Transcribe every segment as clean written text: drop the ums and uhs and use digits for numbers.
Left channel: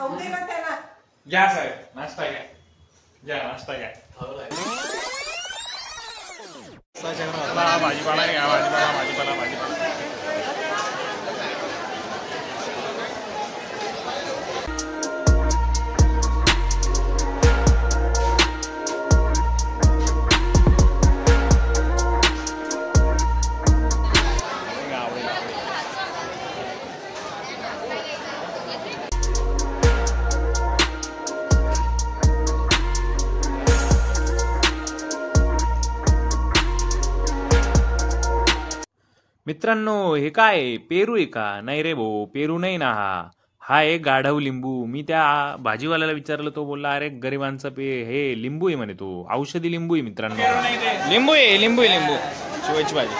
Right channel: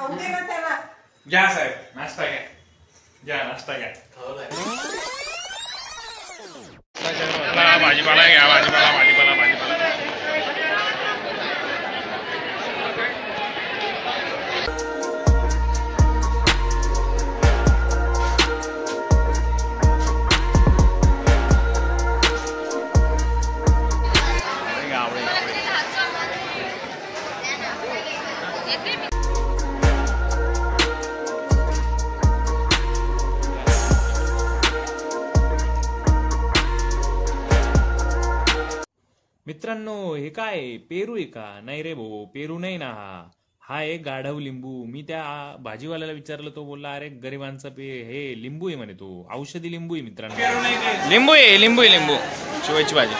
घ्या साहेब, नाश्ता घ्या, घ्या नाश्ता घ्या. भाजीपाला घ्या, भाजीपाला भाजीपाला भाजीपाला. मित्रांनो, हे काय पेरू आहे का? नाही रे भाऊ, पेरू नाही ना. हा एक गाढव लिंबू. मी त्या भाजीवाल्याला विचारलं, तो बोलला अरे गरिबांचा हे लिंबू आहे म्हणे, तो औषधी लिंबू आहे. मित्रांनो, लिंबू आहे, लिंबू आहे, लिंबू शिवायची भाजी.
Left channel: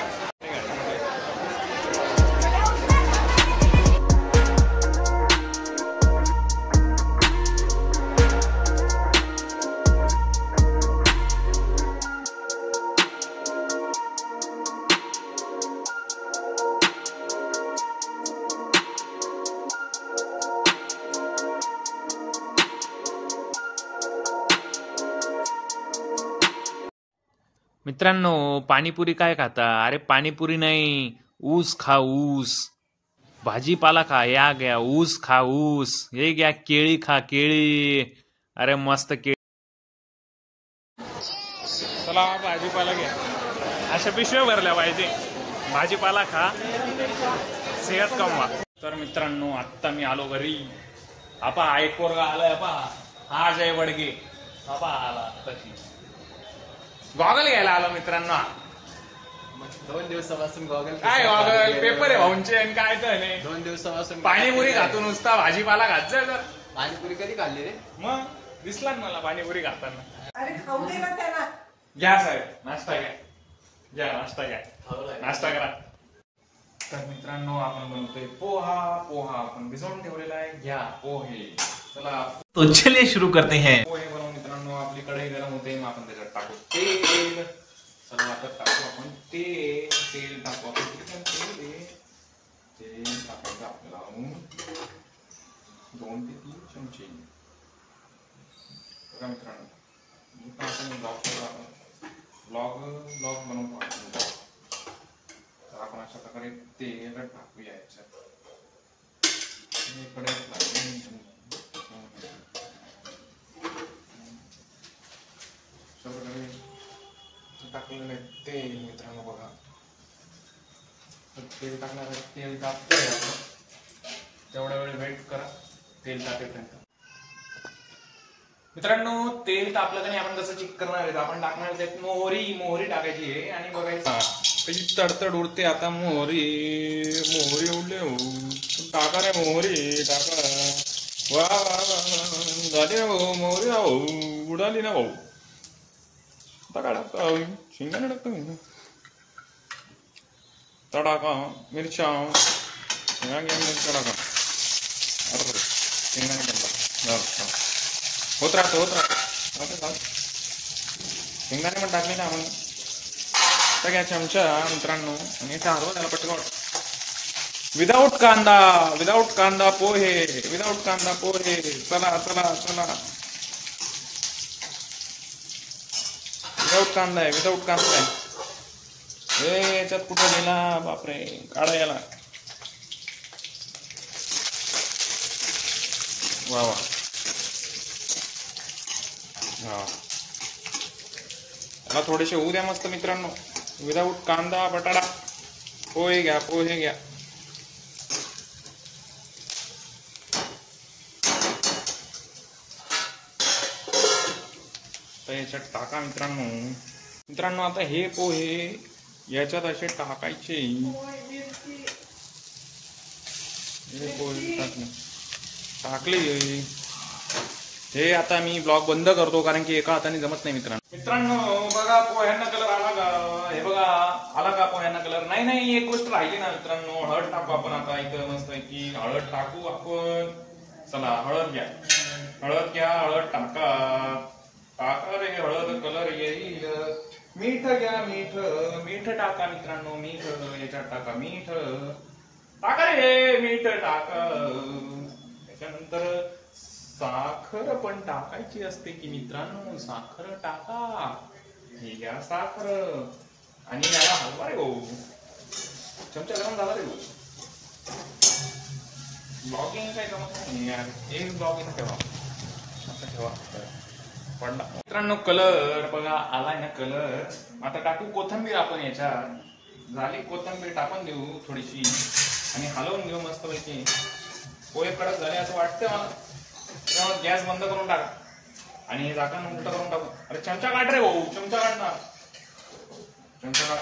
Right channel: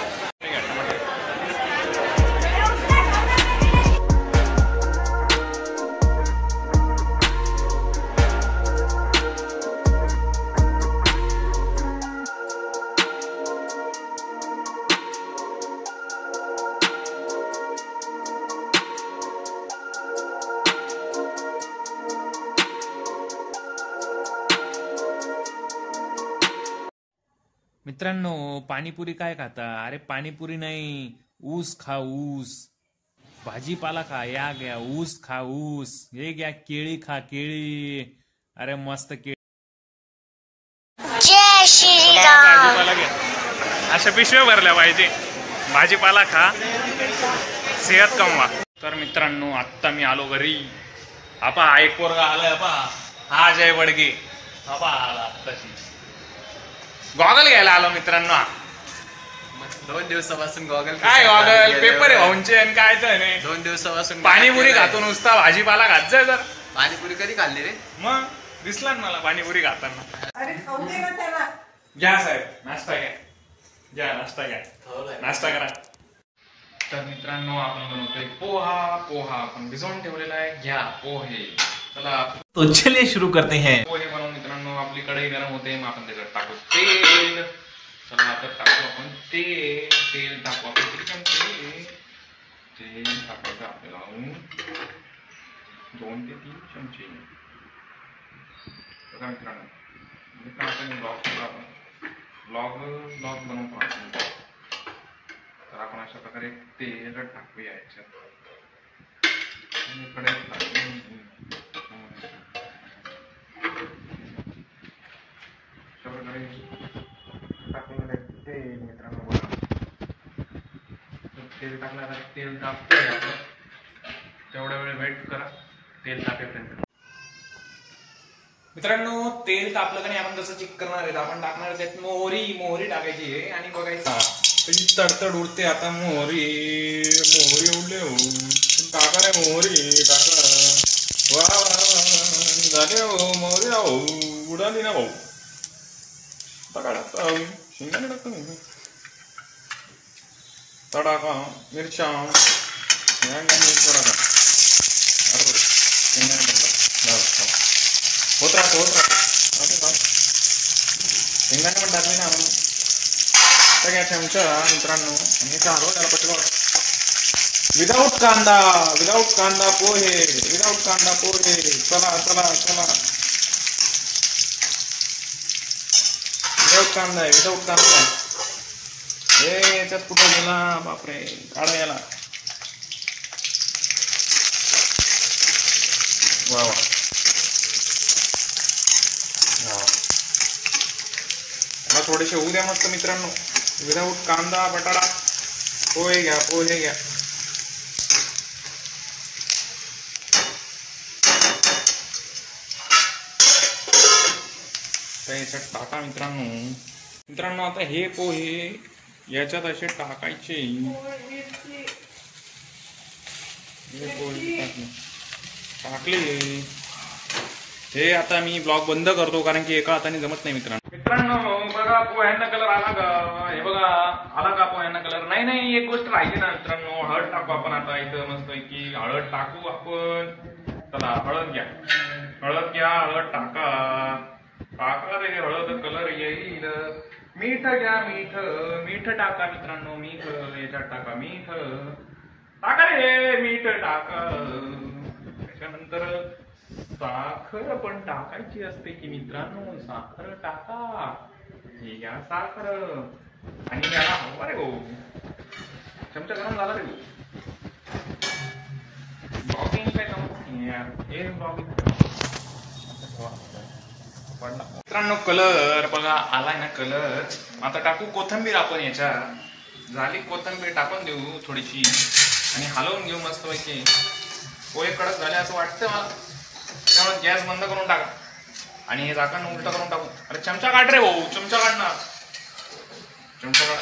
मित्रांनो, पाणीपुरी काय खाता? अरे पाणीपुरी नाही, ऊस खा, ऊस. भाजीपाला खा, या घ्या, ऊस खा, ऊस. हे घ्या, केळी खा, केळी. अरे मस्त केळी. भाजीपाला घ्या, अशा पिशव्या भरल्या पाहिजे. भाजीपाला खा, सेहत कमवा. तर मित्रांनो, आत्ता मी आलो घरी. हा एक पोरगा आलाय, हा अजय बडगे. आला आत्ताशी. गॉगल घ्यायला आलो मित्रांनो. 2 दिवसापासून गॉगल काय गॉगल? पेपर आहे भाऊंचे आणि काय तर नाही. 2 दिवसापासून पाणीपुरी खातो नुसता, भाजीपाला खात जाय. तर पाणीपुरी कधी खाल्ली रे? मग दिसला ना मला पाणीपुरी खाताना. घ्या साहेब, नाश्ता घ्या, घ्या नाश्ता घ्या, नाश्ता करा. तर मित्रांनो, आपण बनवतोय पोहा आपण भिजवून ठेवलेला आहे. घ्या पोहे. चला तो चलिए शुरू करते हैं. पोहे बनवून मित्रांनो, आपली कढई गरम होते, मग आपण त्याच्यात टाकू तेल. चला आता टाकू आपण तेल टाकू आपण. तेल टाकायचं आपल्याला 2 ते 3 चमचे. बघा मित्रांनो, ब्लॉग बनवतो आपण. तर आपण अशा प्रकारे तेल टाकूया याच्यात. टाकलेलं तेल मित्रांनो, बघा तेल टाकणार. तेल तापतंय आपण, तेवढ्या वेळ वेट करा तेल तापेपर्यंत. मित्रांनो, तेल तापलं का नाही, आपण कसं चेक करणार आहे? आपण टाकणार त्यात मोहरी टाकायची आहे आणि बघायचं तडतड उडते. आता मोहरी उडले हो, टाका रे मोहरी टाका. वा वा वा झाली हो मोहरी. हो उडाली ना भाऊ. टाका शेंगाने टाकतो तडाका. मिरच्या टाका. शेंगाने टाकला होत राहतो. शेंगाने पण टाकली ना आपण. सगळ्या चमचा मित्रांनो, आणि हरवून त्याला पटकन. विदाऊट कांदा पोहे. चला चला चला. विदाऊट कांदा आहे. हे याच्यात कुठं गेला? बापरे, काढा याला. वा वा. मला थोडेसे होऊ द्या मस्त मित्रांनो. विदाऊट कांदा बटाटा. पोहे घ्या. तर याच्यात टाका मित्रांनो. आता हे पोहे याच्यात असे टाकायचे. हे पोहे टाकले. हे आता मी ब्लॉग बंद करतो, कारण की एका हाताने जमत नाही मित्रांनो. बघा पोह्यांना कलर आला का? हे बघा आला का पोह्यांना कलर? नाही, एक गोष्ट राहिली ना मित्रांनो. हळद टाकू आपण आता. इथं मस्त की हळद टाकू आपण. चला हळद घ्या, हळद टाका रे. हळद कलर येईल. मीठ घ्या, मीठ टाका मित्रांनो. याच्यात टाका मीठ. टाका रे, मीठ टाका. त्याच्यानंतर साखर पण टाकायची असते की मित्रांनो, साखर टाका. हे घ्या साखर आणि याला हलवा रे भाऊ. चमचा गरम झाला रे भाऊ. ब्लॉगिंग काय कामच नाही यार, एक ब्लॉगिंग ठेवा. पडला मित्रांनो. कलर बघा आलाय ना कलर. आता टाकू कोथिंबीर आपण याच्यात. झाली कोथिंबीर टाकून देऊ थोडीशी आणि हलवून घेऊ मस्त पैकी. पोहे कडक झाले असं वाटतं मला. त्यामुळे गॅस बंद करून टाका आणि हे झाकण उलट करून टाकू. अरे चमचा काढ रे भाऊ, चमचा काढणार. चमचा काढ.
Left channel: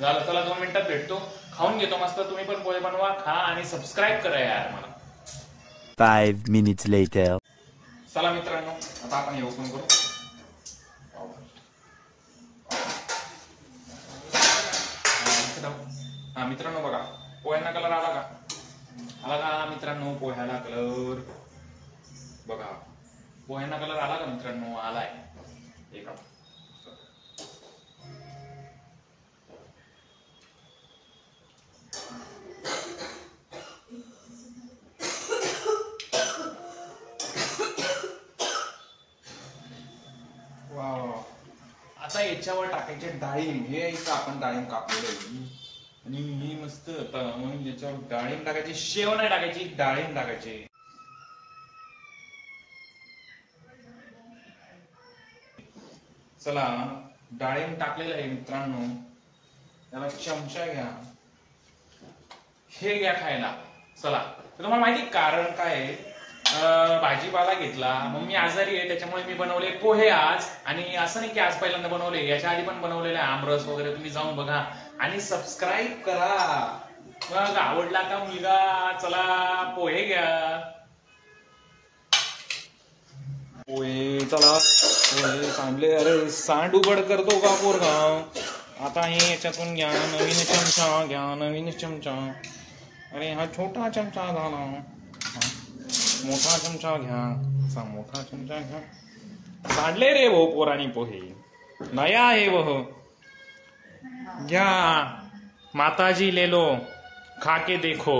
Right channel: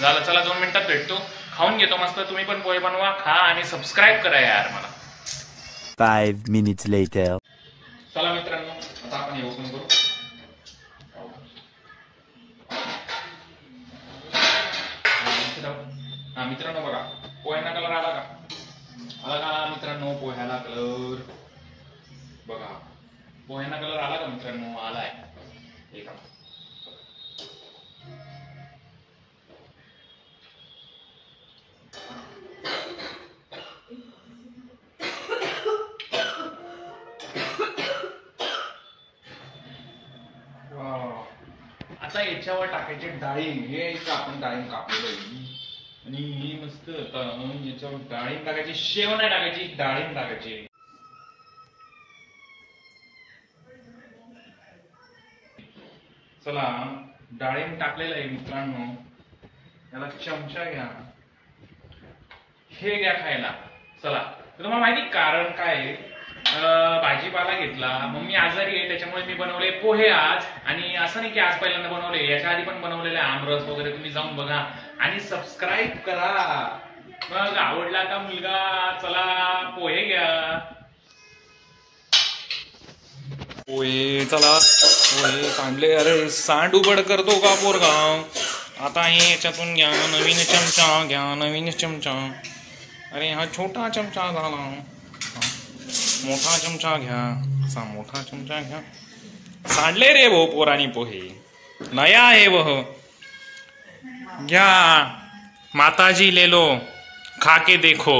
झालं, चला 2 मिनिटात भेटतो. खाऊन घेतो मस्त. तुम्ही पण पोहे बनवा, खा आणि सबस्क्राईब करा यार मला. 5 minutes later. चला मित्रांनो, आता आपण हे ओपन करू. हा मित्रांनो बघा, पोह्यांना कलर आला का? आला का मित्रांनो पोह्याला कलर? बघा पोह्यांना कलर आला का मित्रांनो? आलाय. हे का आता याच्यावर टाकायचे डाळिंब. हे इथं आपण डाळिंब कापलेलं आहे आणि हे मस्त आता याच्यावर डाळिंब टाकायची. शेव नाही टाकायची, डाळिंब टाकायचे. चला डाळिंब टाकलेलं आहे मित्रांनो. याला चमचा घ्या. हे घ्या खायला. चला तुम्हाला माहिती कारण काय आहे? भाजीपाला घेतला. मम्मी आजारी आहे त्याच्यामुळे मी बनवले पोहे आज. आणि असं नाही की आज पहिल्यांदा बनवले, याच्या आधी पण बनवलेले आमरस वगैरे. तुम्ही जाऊन बघा आणि सबस्क्राईब करा. मग आवडला का मुलगा? चला पोहे घ्या. पोहे चला पोहे सांडले. अरे सांड उबड करतो का पोरगाव? आता हे याच्यातून घ्या. नवीन चमचा घ्या, नवीन चमचा. अरे हा छोटा चमचा झाला. मोठा चमचा घ्या. असा मोठा चमचा घ्या. सांडले रे भाऊ पोरानी पोहे. नया आहे वह. घ्या. माताजी ले लो, खा के देखो.